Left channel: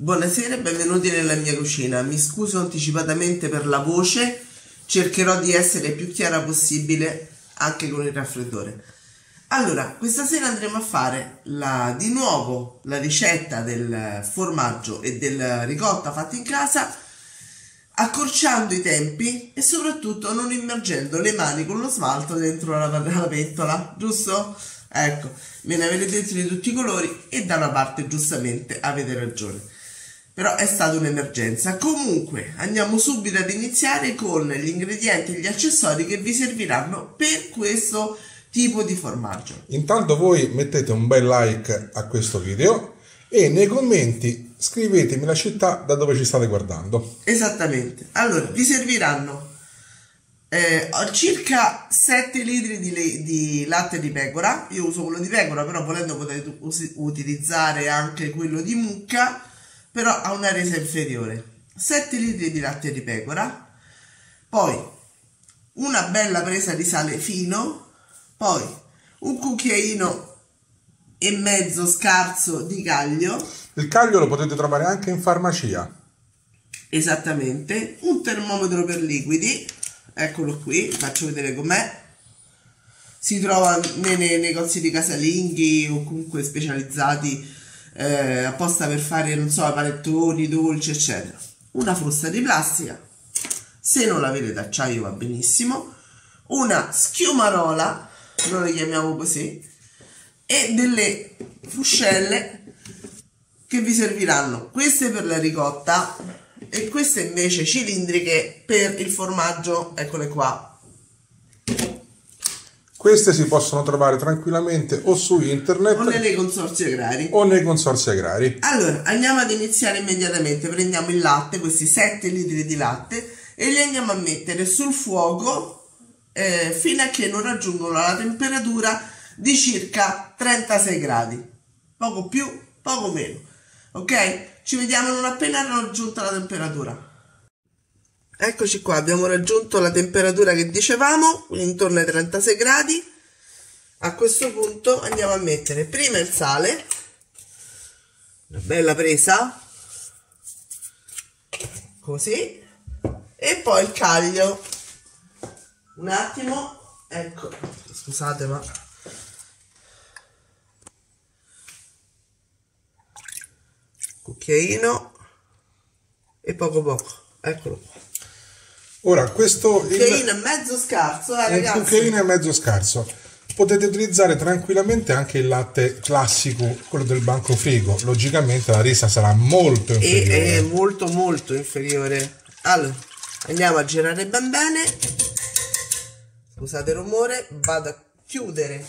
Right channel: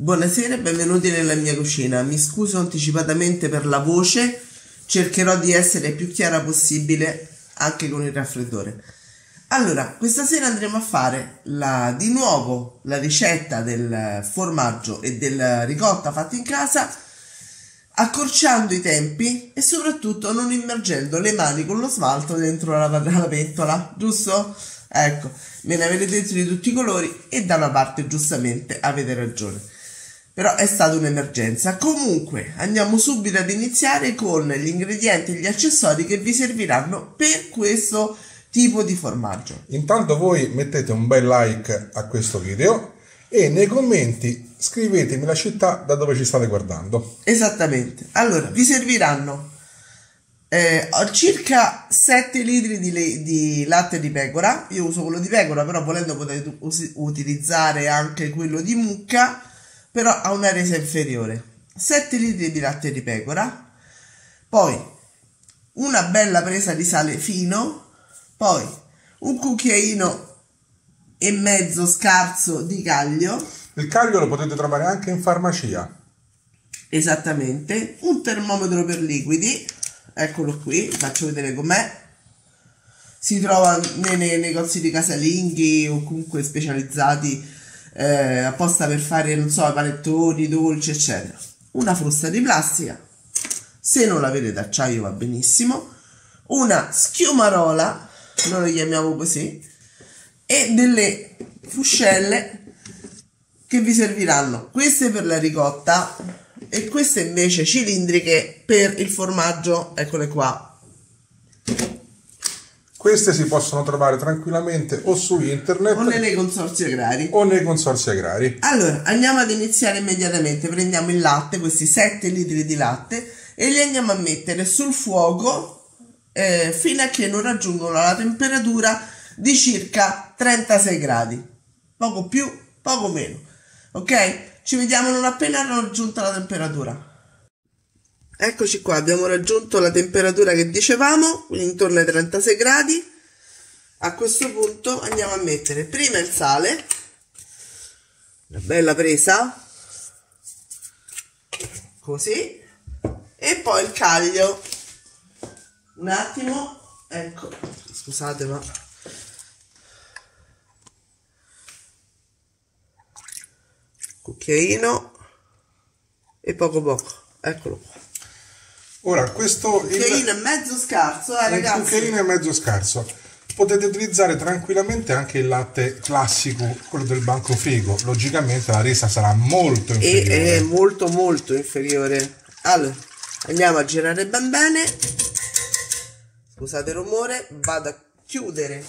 Buonasera e benvenuti nella mia cucina. Mi scuso anticipatamente per la voce, cercherò di essere più chiara possibile anche con il raffreddore. Allora, questa sera andremo a fare di nuovo la ricetta del formaggio e del ricotta fatta in casa, accorciando i tempi e soprattutto non immergendo le mani con lo smalto dentro la pentola, giusto? Ecco, me ne avete dentro di tutti i colori e da una parte giustamente avete ragione. Però è stata un'emergenza. Comunque andiamo subito ad iniziare con gli ingredienti e gli accessori che vi serviranno per questo tipo di formaggio. Intanto voi mettete un bel like a questo video e nei commenti scrivetemi la città da dove ci state guardando. Esattamente. Allora, vi serviranno circa 7 litri di latte di pecora. Io uso quello di pecora, però volendo potete utilizzare anche quello di mucca, però ha una resa inferiore. 7 litri di latte di pecora, poi una bella presa di sale fino, poi un cucchiaino e mezzo scarso di caglio. Il caglio lo potete trovare anche in farmacia. Esattamente. Un termometro per liquidi, eccolo qui, faccio vedere com'è. Si trova nei negozi di casalinghi o comunque specializzati apposta per fare, non so, panettoni, dolci, eccetera. Una frusta di plastica, se non l'avete d'acciaio va benissimo, una schiumarola, noi lo chiamiamo così, e delle fuscelle che vi serviranno, queste per la ricotta e queste invece cilindriche per il formaggio, eccole qua. Queste si possono trovare tranquillamente o su internet o nei consorzi agrari. Allora, andiamo ad iniziare immediatamente. Prendiamo il latte, questi 7 litri di latte, e li andiamo a mettere sul fuoco fino a che non raggiungono la temperatura di circa 36 gradi. Poco più, poco meno. Ok? Ci vediamo non appena raggiunta la temperatura. Eccoci qua, abbiamo raggiunto la temperatura che dicevamo, quindi intorno ai 36 gradi. A questo punto andiamo a mettere prima il sale, una bella presa, così, e poi il caglio. Un attimo, ecco, scusate ma... cucchiaino e poco, eccolo qua. Ora questo cucchiaino è mezzo scarso, ragazzi. Un cucchiaino è mezzo scarso. Potete utilizzare tranquillamente anche il latte classico, quello del banco frigo. Logicamente la resa sarà molto inferiore. È molto inferiore. Allora, andiamo a girare ben bene. Scusate il rumore, vado a chiudere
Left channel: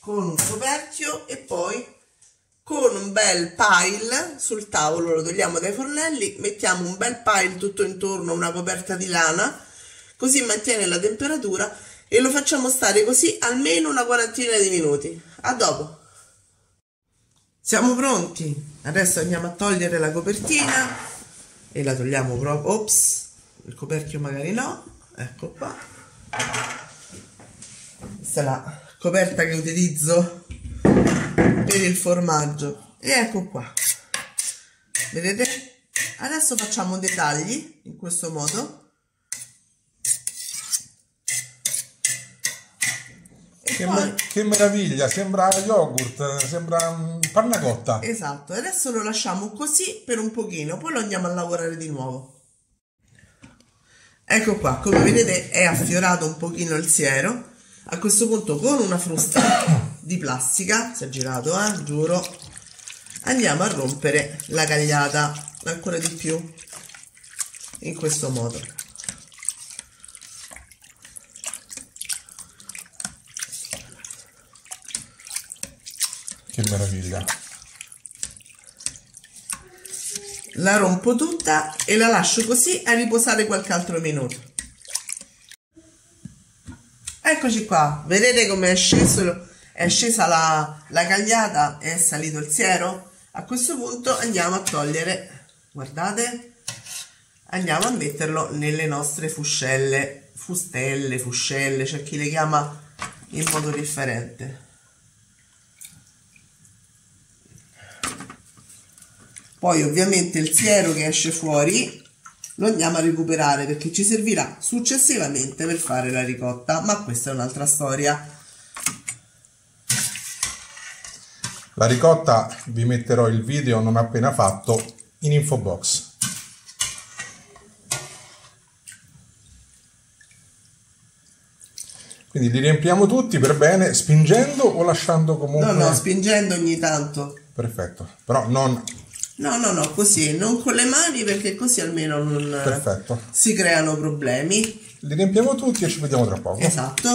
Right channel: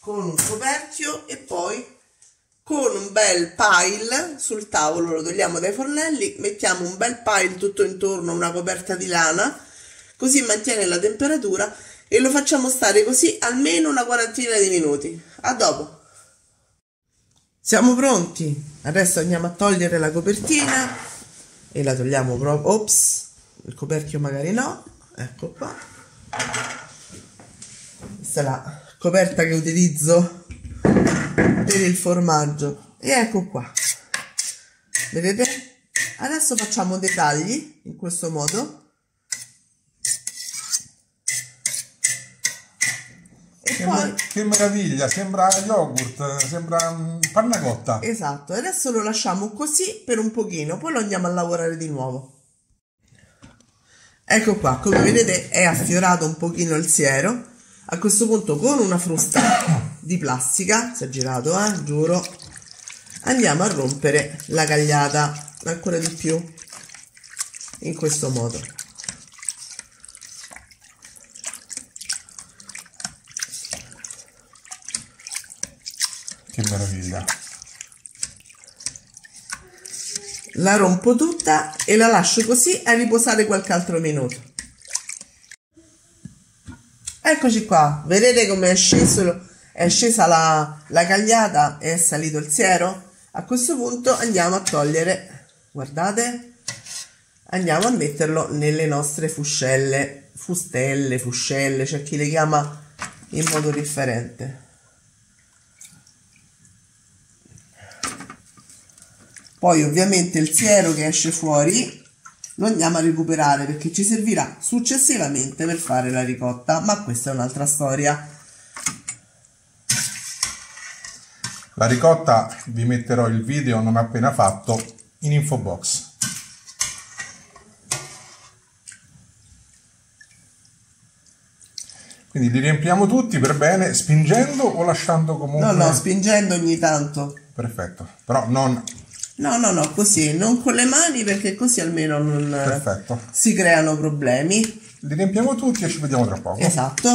con un coperchio e poi con un bel pile sul tavolo, lo togliamo dai fornelli, mettiamo un bel pile tutto intorno, una coperta di lana, così mantiene la temperatura e lo facciamo stare così almeno una quarantina di minuti. A dopo. Siamo pronti. Adesso andiamo a togliere la copertina e la togliamo proprio. Ops, il coperchio magari no. Ecco qua. Questa è la coperta che utilizzo per il formaggio e ecco qua, vedete? Adesso facciamo dei tagli in questo modo e poi... Che meraviglia, sembra yogurt, sembra panna cotta. Esatto, adesso lo lasciamo così per un pochino, poi lo andiamo a lavorare di nuovo. Ecco qua, come vedete è affiorato un pochino il siero. A questo punto con una frusta di plastica, si è girato, giuro, andiamo a rompere la cagliata ancora di più, in questo modo. Che meraviglia. La rompo tutta e la lascio così a riposare qualche altro minuto. Eccoci qua, vedete come è scesa la cagliata e è salito il siero? A questo punto andiamo a togliere, guardate, andiamo a metterlo nelle nostre fuscelle, fuscelle, c'è chi le chiama in modo differente. Poi ovviamente il siero che esce fuori lo andiamo a recuperare perché ci servirà successivamente per fare la ricotta, ma questa è un'altra storia. La ricotta vi metterò il video non appena fatto in info box. Quindi li riempiamo tutti per bene, spingendo o lasciando comunque... No, spingendo ogni tanto. Perfetto, però non... No, così, non con le mani perché così almeno non Perfetto. si creano problemi. Li riempiamo tutti e ci vediamo tra poco. Esatto.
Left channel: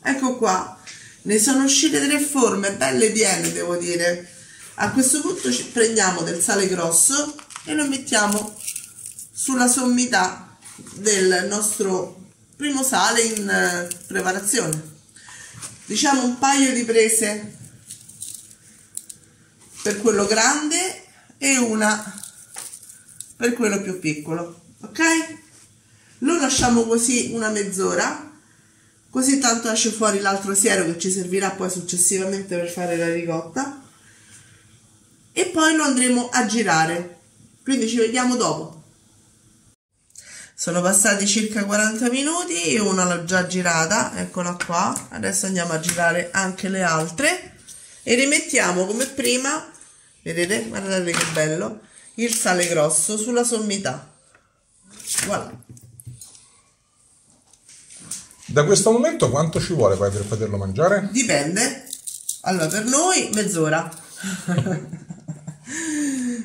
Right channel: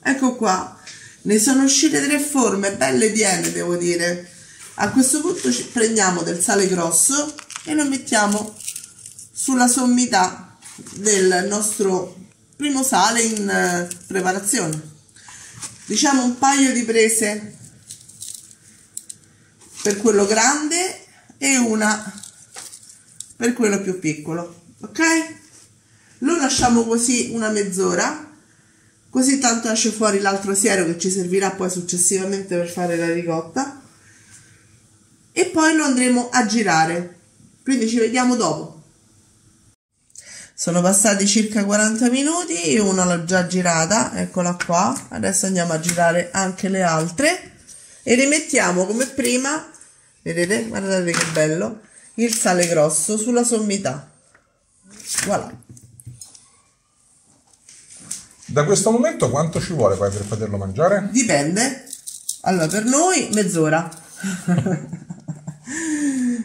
Ecco qua, ne sono uscite 3 forme, belle piene devo dire. A questo punto prendiamo del sale grosso e lo mettiamo sulla sommità del nostro primo sale in preparazione. Diciamo un paio di prese per quello grande e una per quello più piccolo, ok? Lo lasciamo così una mezz'ora, così tanto esce fuori l'altro siero che ci servirà poi successivamente per fare la ricotta, e poi lo andremo a girare, quindi ci vediamo dopo. Sono passati circa 40 minuti, una l'ho già girata, eccola qua. Adesso andiamo a girare anche le altre e rimettiamo come prima, vedete, guardate che bello, il sale grosso sulla sommità. Voilà. Da questo momento quanto ci vuole poi per poterlo mangiare? Dipende. Allora, per noi mezz'ora.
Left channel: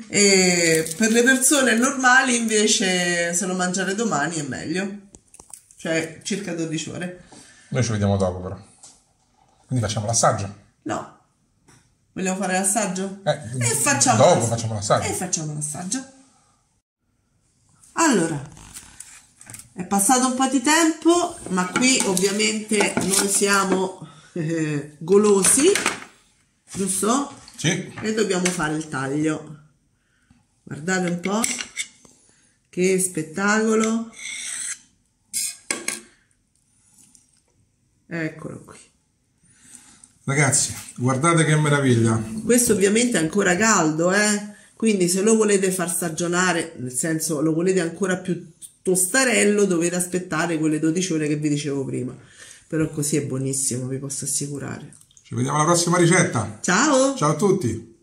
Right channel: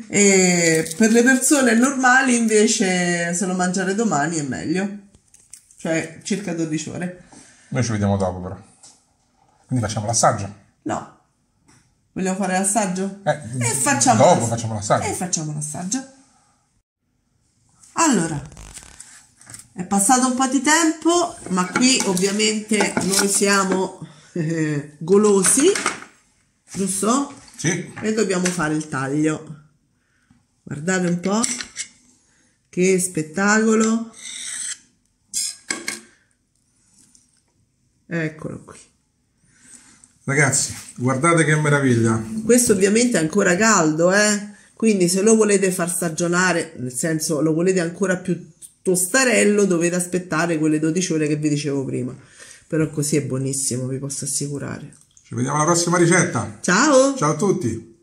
E per le persone normali invece, se lo mangiare domani è meglio, cioè circa 12 ore. Noi ci vediamo dopo però. Quindi facciamo l'assaggio? No. Vogliamo fare l'assaggio? Dopo facciamo l'assaggio. Facciamo l'assaggio. Allora, è passato un po' di tempo, ma qui ovviamente noi siamo golosi, giusto? Sì. E dobbiamo fare il taglio. Guardate un po', che spettacolo. Eccolo qui. Ragazzi, guardate che meraviglia. Questo ovviamente è ancora caldo, quindi se lo volete far stagionare, nel senso lo volete ancora più tostarello, dovete aspettare quelle 12 ore che vi dicevo prima. Però così è buonissimo, vi posso assicurare. Ci vediamo alla prossima ricetta. Ciao! Ciao a tutti!